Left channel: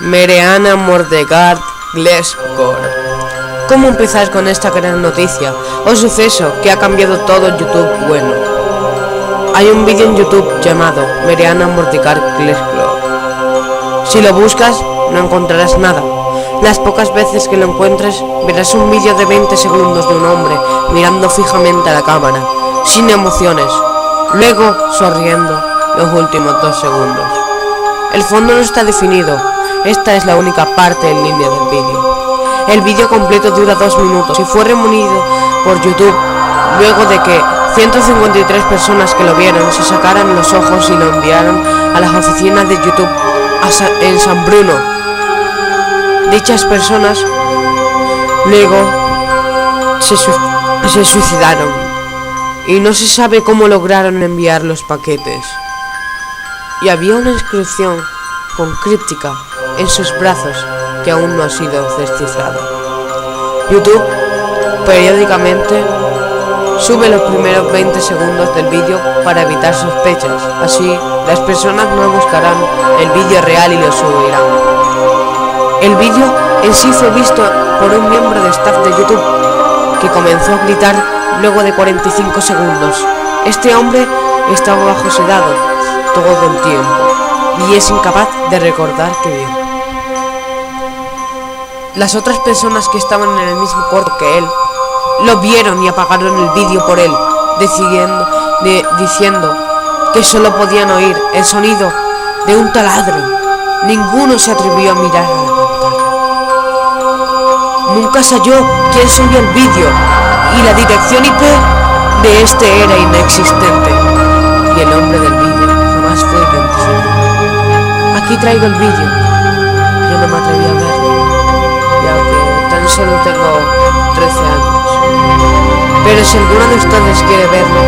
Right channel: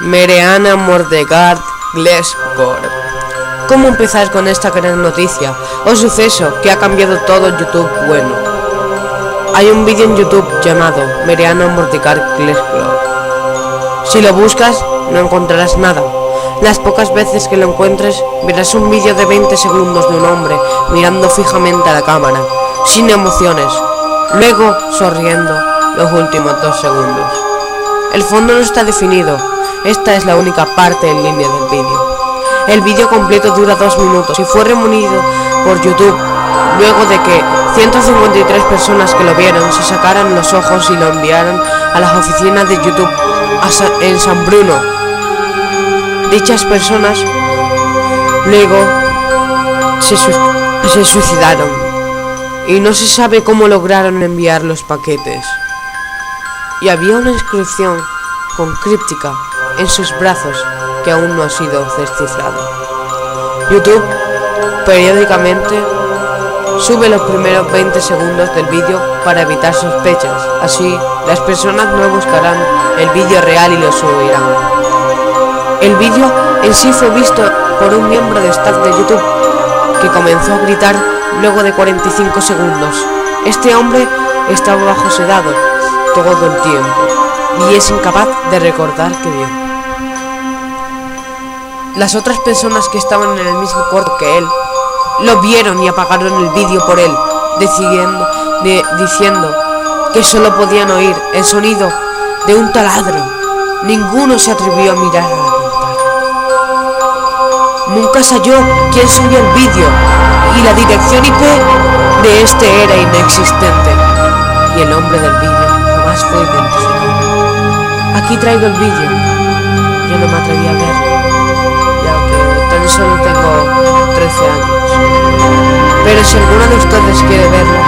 Mariana Mordecai Glescor. ¿Cómo empezar con esta gran noticia o suceso que ha cambiado todo YouTube? Bueno, hay un vídeo en YouTube llamado Mariana Mordecai Glescor. Si lo buscas, no encontrarás nada. Las pocas veces que lo encuentres, verás un vídeo de 20 segundos de un hombre mirando fijamente a la cámara, sin emociones, luego sonriendo los últimos 2 segundos. El fondo no está definido. Esta es la única parte en línea del vídeo. El vídeo completo dura 2 minutos y fue removido por YouTube luego de que 153 personas que lo vieron se sacaran los ojos y lo enviaran a las oficinas de YouTube en San Bruno. Dichas personas luego se suicidaron y no se sabe cómo lograron enviar los paquetes. Y había una inscripción con críptica en sus brazos que aún no ha sido descifrada. YouTube periódicamente sube los primeros 20 segundos del vídeo para evitar sospechas. Así, las personas no buscarán el vídeo real y lo subirán. El vídeo en sí fue visto por un miembro de staff de YouTube que comenzó a gritar luego de 45 segundos. Este hombre estaba bajo sedado todo el tiempo y es incapaz de recordar qué vio. Las otras personas que estaban en el mismo cuarto que él lo vieron y apagaron el vídeo por él, diciendo que solo podían oír el sonido de un taladro. Ninguno se atrevió a mirar a la pantalla. Nunca se halló quién subió el vídeo y la dirección IP de este era inexistente y el hombre del vídeo jamás fue identificado. Aquí traigo el vídeo. Yo no me atreví a verlo, ya que tan solo tengo 13 años. Pero si alguno de ustedes quiere verlo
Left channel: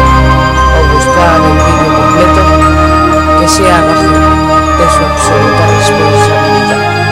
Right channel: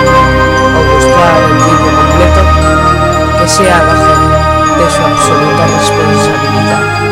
o buscar el vídeo completo, que sea bajo de su absoluta responsabilidad.